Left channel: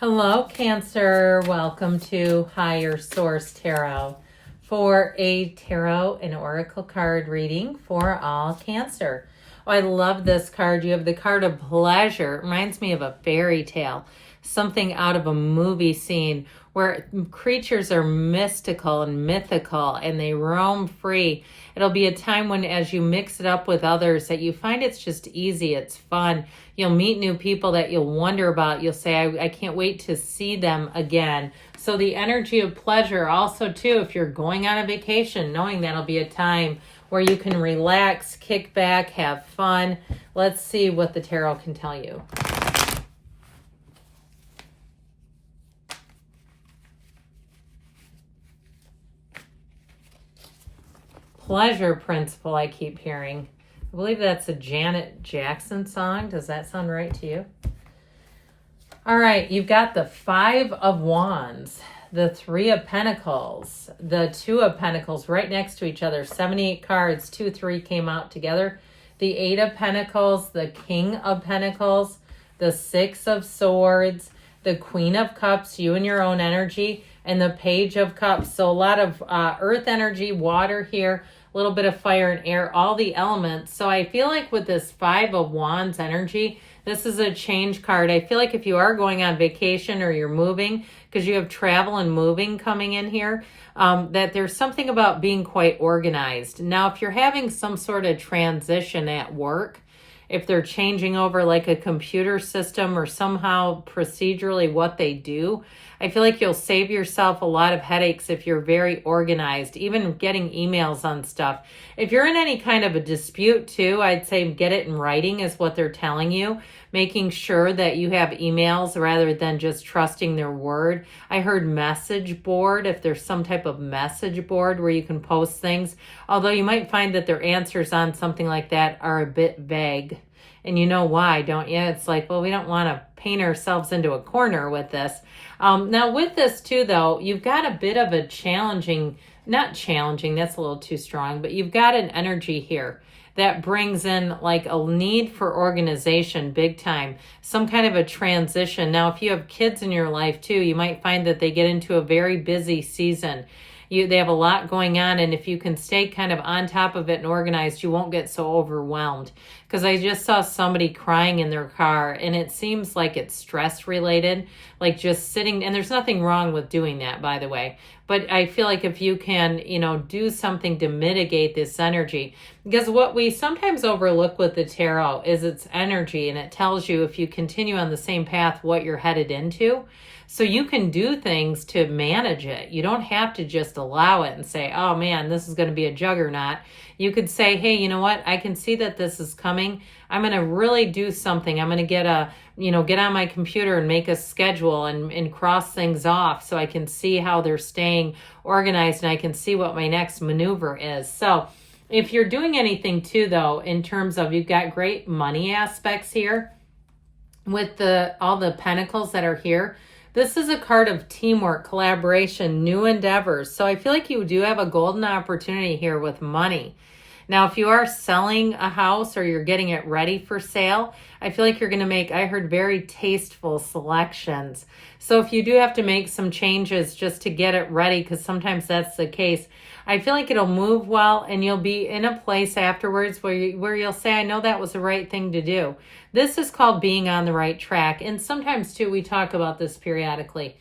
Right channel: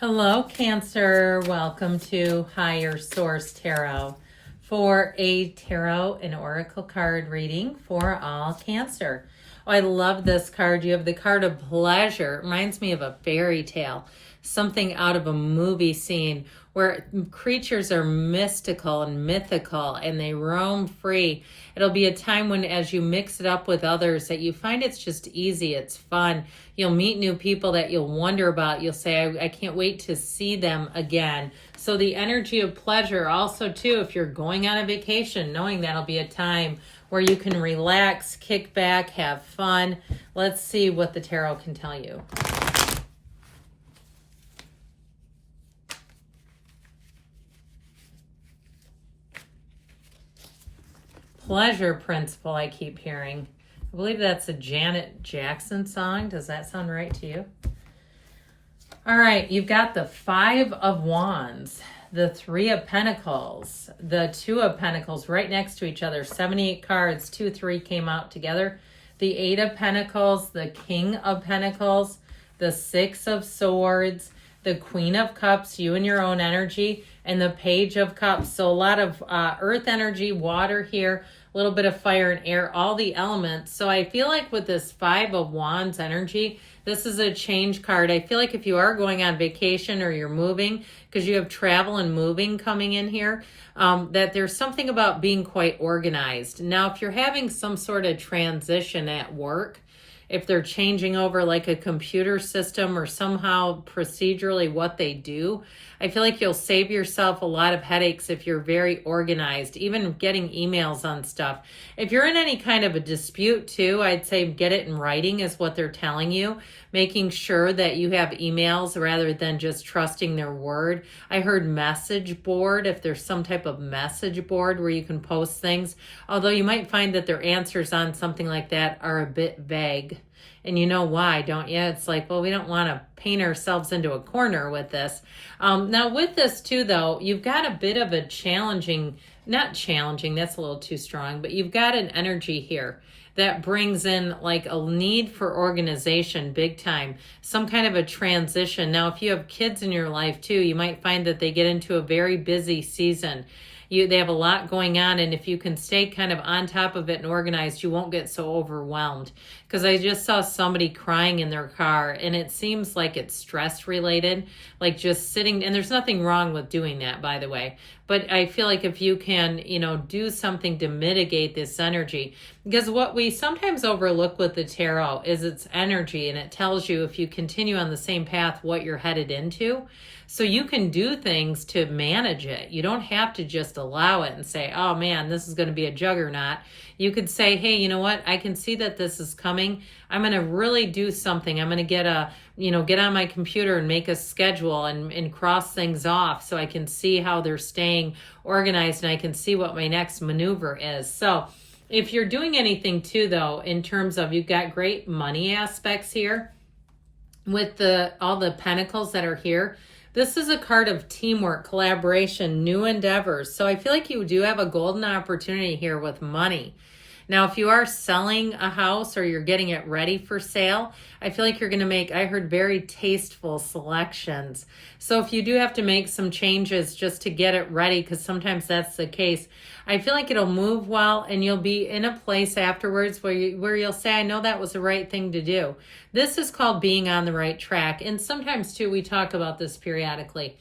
Hello, Cancer. Welcome to Higher Source Tarot for a tarot and oracle card reading for all Cancer. Oh, I love this card. You have the card of pleasure. It reminds me of a fairy tale, something out of a movie scene where creatures are mystical and mythical and they roam free. It'll be a time when, as you mix it up with others, that you find it's just easy, it's fun. You'll meet new people that you'll wonder about. You'll say, I can't wait to see them again. So the energy of pleasure also, too, if you're going on a vacation, knowing that'll be a time where you can relax, kick back, have fun. Let's see what the tarot can tell you. Pleasure principle, I keep hearing. I believe that's a Janet Jackson song. Does that sound right to you? All right, you've got the Five of Wands, the Three of Pentacles, the Two of Pentacles right next to each other. 78 cards, 2, 3 came out together. The Eight of Pentacles, the King of Pentacles, the Six of Swords, the Queen of Cups, you and your own energy, and the Page of Cups. So a lot of earth energy, water here, a little bit of fire and air, all the elements. So I feel like with this Five of Wands energy, this is a change card. I feel like if you are going on vacation or you're moving, because you have travel and moving coming in here, that there's something about being quite organized. Now, if you're having some sort of transition at work, if they're changing over like a computer system or somehow procedurally what they do, I feel like you'll save yourself a lot of headaches if you're very organized, even getting emails on stuff. If you're in any kind of a dispute too, I'd say get it in writing is what they're telling you, making sure that you have emails rather than just trusting their word. I heard message board, if there's some type of message board where you can post things, although you might find that their answers on something like that are a bit vague. And you know why, don't you? It's like, well, we don't want to paint ourselves into a corner with this. Now with this too, though, you've got a bit of a challenging, not challenging, that's a little too strong, but you've got an energy here that brings in like a need for organization big time, some kind of a transition. Now, if you have kids in your life too, you might find that they get into a very busy season. They have a lot going on, and if you can stay kind of on top of it and organized, you won't get so overwhelmed. Because I just saw somebody crying in their car, and it seems like it's stress related, like just sitting, and there's nothing wrong with doing that, by the way. But I feel like if you can, do something to mitigate this energy, because what we sometimes overlook with the tarot is its energy, and it tells you if you continue on the same path, what you're headed into. So you can do things to manage it. You don't have to just allow it and say, oh man, this is going to be a juggernaut. You could say, hey, you know what? I can see that this is coming. I'm going to really do something. I'm going to get on my computer and make a schedule and cross things off so I can see how they're staying organized and I can see what my next maneuver is. So if you're doing anything too, though, in terms of you've got great money aspects here with all the pentacles that are here. This is a card of teamwork, collaboration, new endeavors. So I feel like you do have a golden opportunity here with money. Now, if you are selling a house or you're getting it ready for sale, I feel like you're going to make, I heard, very tasteful selections. So if you do have to make some changes just to get it ready, because sometimes that's the case, I feel like it'll move well and you'll be in a place afterwards where you'll say, I know that was the right thing to do. This is called being on the right track. And sometimes, too, we talk about this periodically,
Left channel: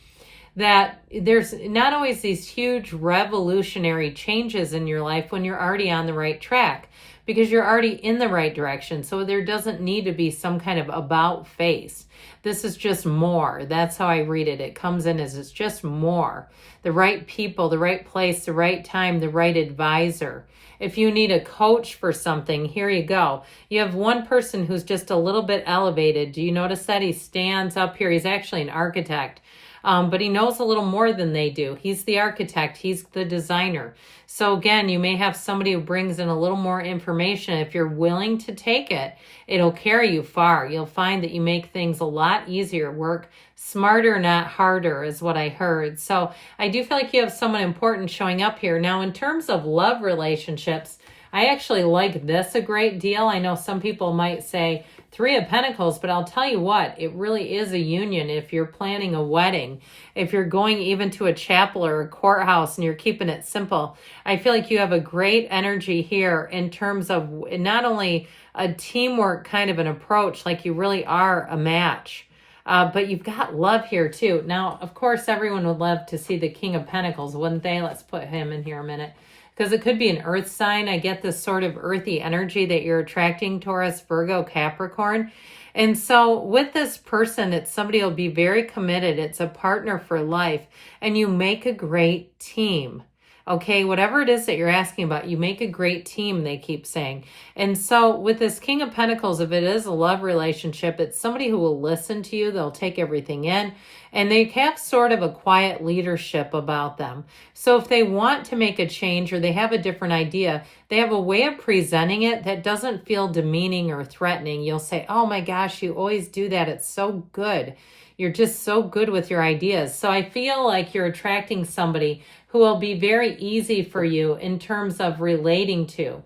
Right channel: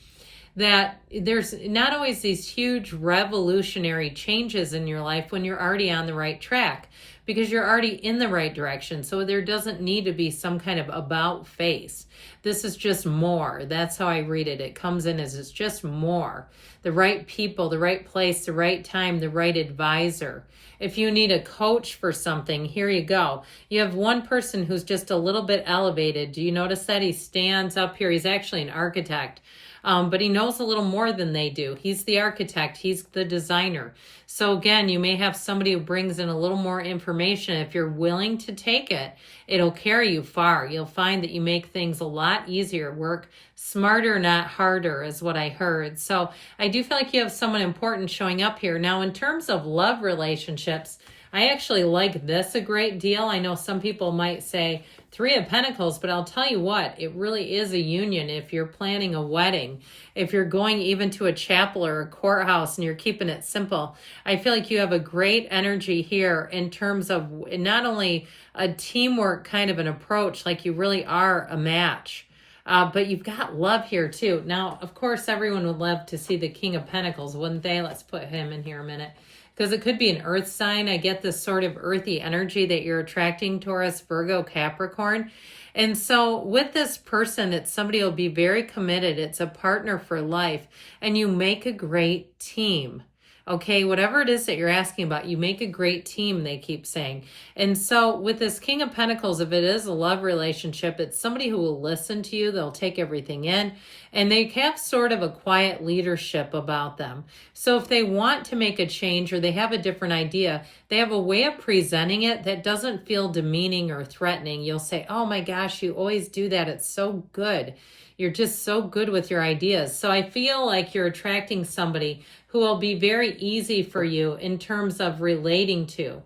that there's not always these huge revolutionary changes in your life when you're already on the right track, because you're already in the right direction. So there doesn't need to be some kind of about face. This is just more. That's how I read it. It comes in as it's just more. The right people, the right place, the right time, the right advisor. If you need a coach for something, here you go. You have one person who's just a little bit elevated. Do you notice that? He stands up here. He's actually an architect. But he knows a little more than they do. He's the architect. He's the designer. So again, you may have somebody who brings in a little more information. If you're willing to take it, it'll carry you far. You'll find that you make things a lot easier. Work smarter, not harder, is what I heard. So I do feel like you have someone important showing up here. Now, in terms of love relationships, I actually like this a great deal. I know some people might say, Three of Pentacles, but I'll tell you what, it really is a union if you're planning a wedding, if you're going even to a chapel or a courthouse and you're keeping it simple. I feel like you have a great energy here in terms of not only a teamwork kind of an approach, like you really are a match, but you've got love here too. Now, of course, everyone would love to see the King of Pentacles, wouldn't they? Let's put him in here a minute. Because it could be an earth sign. I get this sort of earthy energy that you're attracting, Taurus, Virgo, Capricorn. And so with this person, it's somebody who'll be very committed. It's a partner for life. And you make a great team. Okay, whatever it is that you're asking about, you make a great team, they keep saying. And so with this King of Pentacles, if it is a love relationship, it's somebody who will listen to you. They'll take everything in. And they have sort of a quiet leadership about them. So if they want to make a change or they have a different idea, they have a way of presenting it that doesn't feel demeaning or threatening. You'll say, oh my gosh, you always do that. It's so good. You're just so good with your ideas. So I feel like you're attracting somebody who will be very easy for you in terms of relating to,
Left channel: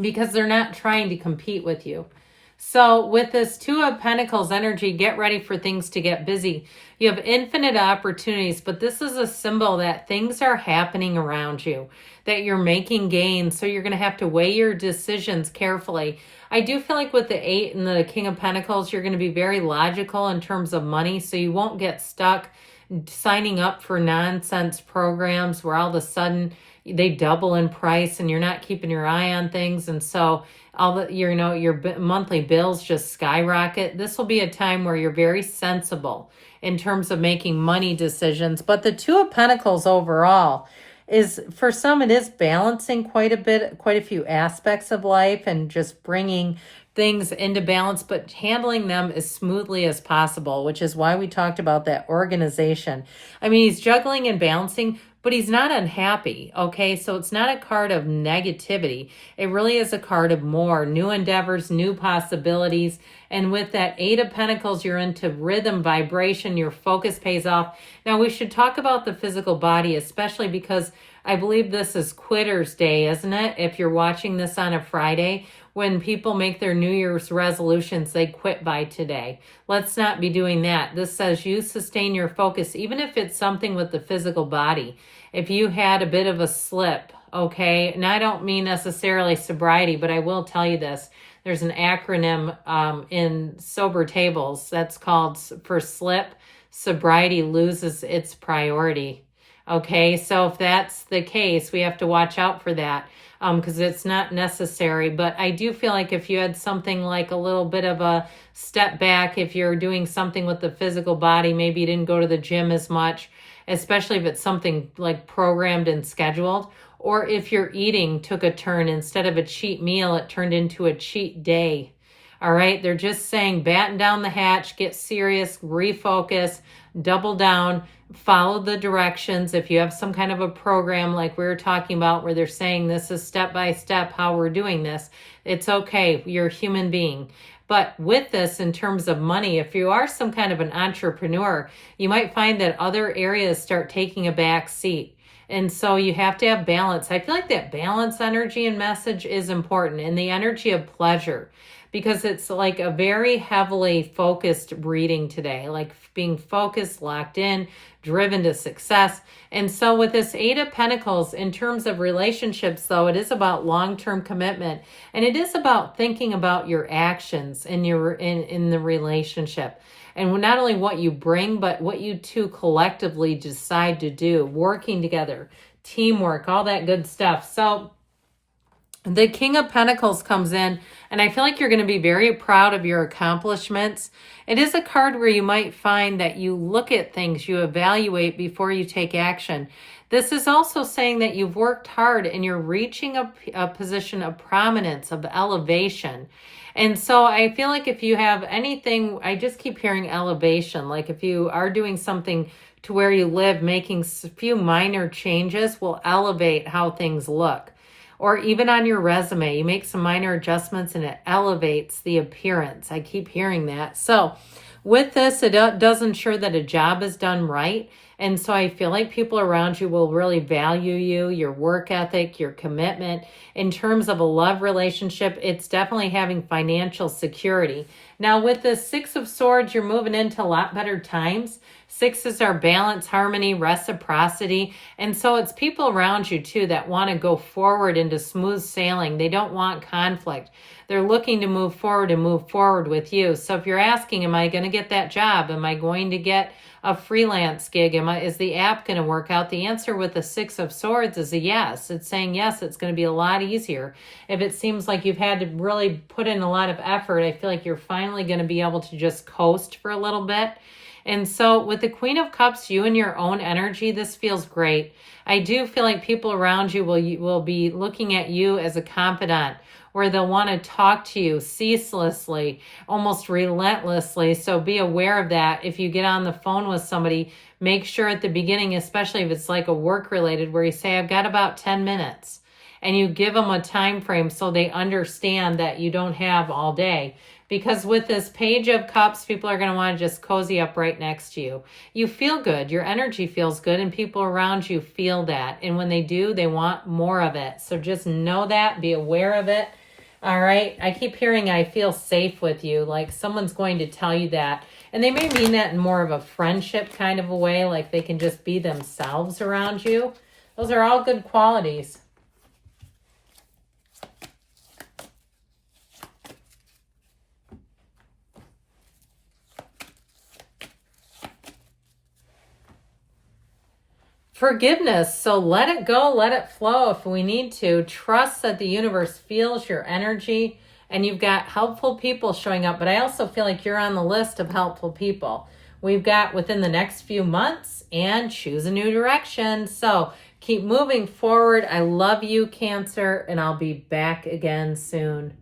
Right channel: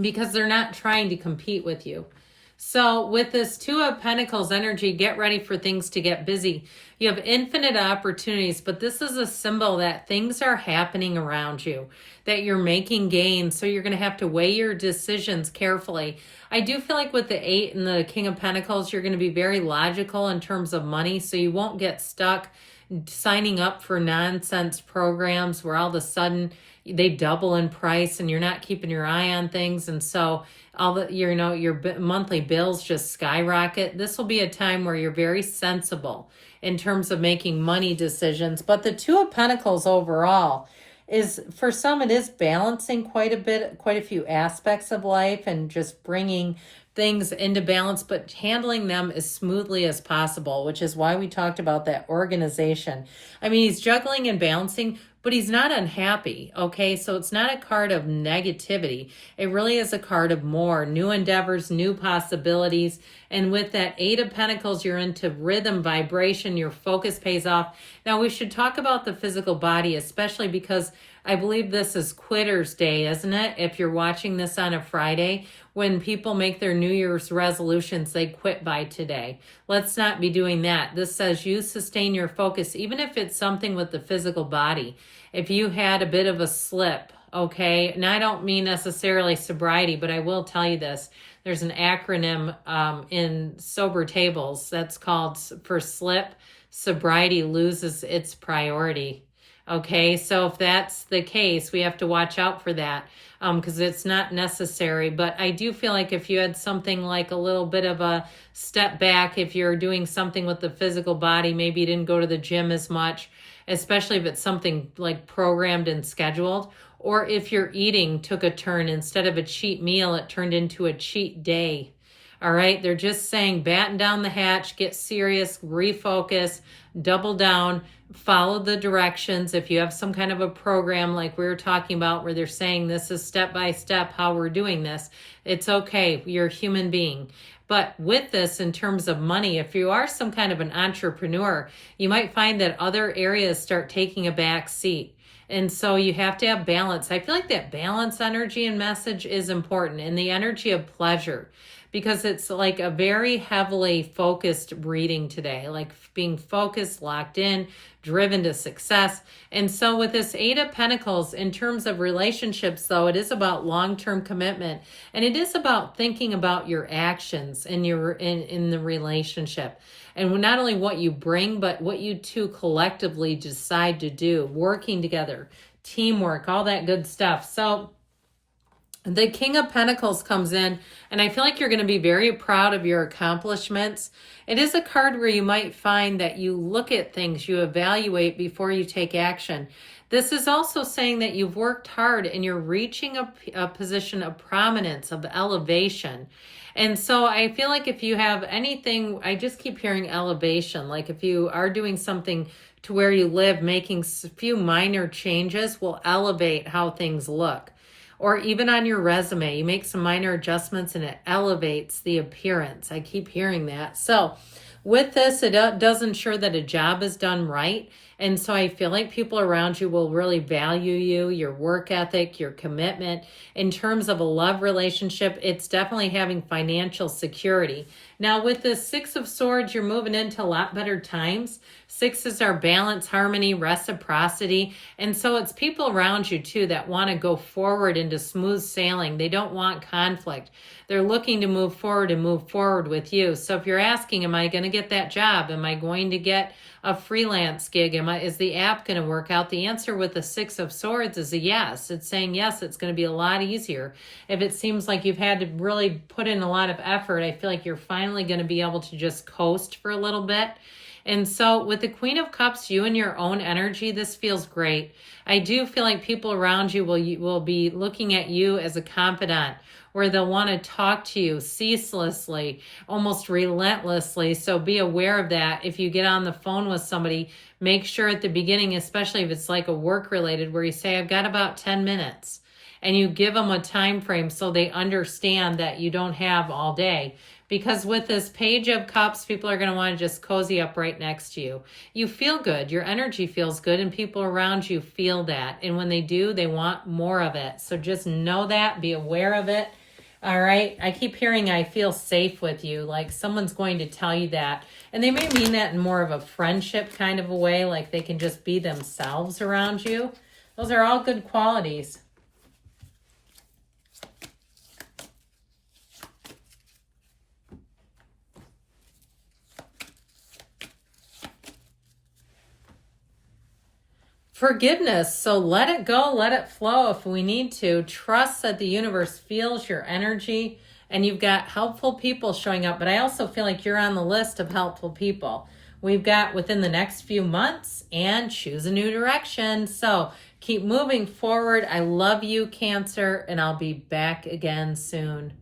because they're not trying to compete with you. So with this Two of Pentacles energy, get ready for things to get busy. You have infinite opportunities, but this is a symbol that things are happening around you, that you're making gains. So you're going to have to weigh your decisions carefully. I do feel like with the 8 and the King of Pentacles, you're going to be very logical in terms of money, so you won't get stuck signing up for nonsense programs where all of a sudden they double in price and you're not keeping your eye on things. And so all the, your monthly bills just skyrocket. This will be a time where you're very sensible in terms of making money decisions. But the Two of Pentacles overall is, for some, it is balancing quite a few aspects of life and just bringing things into balance, but handling them as smoothly as possible, which is why we talked about that organization. I mean, he's juggling and balancing, but he's not unhappy, okay? So it's not a card of negativity. It really is a card of more new endeavors, new possibilities. And with that 8 of Pentacles, you're into rhythm, vibration, your focus pays off. Now, we should talk about the physical body, especially because I believe this is Quitter's Day, isn't it? If you're watching this on a Friday, when people make their New Year's resolutions, they quit by today. Let's not be doing that. This says you sustain your focus, even if it's something with the physical body. If you had a bit of a slip, okay, and I don't mean necessarily sobriety, but I will tell you this. There's an acronym in sober tables that's called, for slip, sobriety loses its priority. Okay, so if that's the case, we have to watch out for that because it's not necessary. But I do feel like if you had something like a little bit of a step back, if you're doing something with the physical body, maybe you didn't go to the gym as much, especially if it's something like programmed and scheduled, or if your eating took a turn, instead of a cheat meal, it turned into a cheat day. All right, they're just saying batten down the hatch, get serious, refocus, double down, follow the directions. If you have some kind of a program like we were talking about where they're saying this is step by step how we're doing this, it's okay. You're a human being. But with this, in terms of money, if you are some kind of an entrepreneur, you might find that other areas start taking a back seat. And so you have to have balance. I feel like that balance energy and message is important, and the energy of pleasure, because it's like a very heavily focused reading today, like being focused, locked in, driven to success. And so with this 8 of Pentacles, in terms of relationships, though, it is about long-term commitment, and it is about thinking about your actions in the relationship. And not only what you bring, but what you two collectively decide to do, working together, teamwork, all that good stuff. So the King of Pentacles comes in, and I feel like you're going to be very proud of your accomplishments. It is a card where you might find that you look at things, you evaluate before you take action. This is also saying that you've worked hard and you're reaching a position of prominence, of elevation. And so I feel like if you have anything, I just keep hearing elevation. Like if you are doing something to where you live, making a few minor changes will elevate how things look. Or even on your resume, you make some minor adjustments and it elevates the appearance. I keep hearing that. So with this, it does ensure that a job is done right. And so I feel like people around you will really value you, your work ethic, your commitment. In terms of a love relationship, it's definitely having financial security. Now, with the Six of Swords, you're moving into a lot better times. Sixes are balance, harmony, reciprocity. And so it's people around you too that want to go forward into smooth sailing. They don't want conflict. They're looking to move forward and move forward with you. So if you're asking, am I going to get that job? Am I going to get a freelance gig? Is the app going to work out? The answer with the Six of Swords is a yes. It's saying yes, it's going to be a lot easier. If it seems like you've had to really put in a lot of effort, I feel like you're finally going to be able to just coast for a little bit. And so with the Queen of Cups, you and your own energy, this feels great. I do feel like people around you will be looking at you as a confidant, where they'll want to talk to you ceaselessly, almost relentlessly. So be aware of that. If you get on the phone with somebody, make sure at the beginning, especially if it's like a work related, where you say, I've got about 10 minutes. And you give them a time frame so they understand that you don't have all day. Because with this Page of Cups, people are going to want to just cozy up right next to you. You feel good. Your energy feels good, and people around you feel that. And when they do, they want more of it. So just know that. Be aware of it. All right. I keep hearing I feel safe with you. Like someone's going to tell you that. And they may mean that in more of a friendship kind of a way. Like they can just be themselves around you. Those are all good qualities. Forgiveness. So let it go, let it flow if we need to. Trust that the universe feels your energy, and you've got helpful people showing up. But I also feel like you're on the list of helpful people we've got within the next few months, and choose a new direction. So keep moving forward. I love you, Cancer, and I'll be back again soon.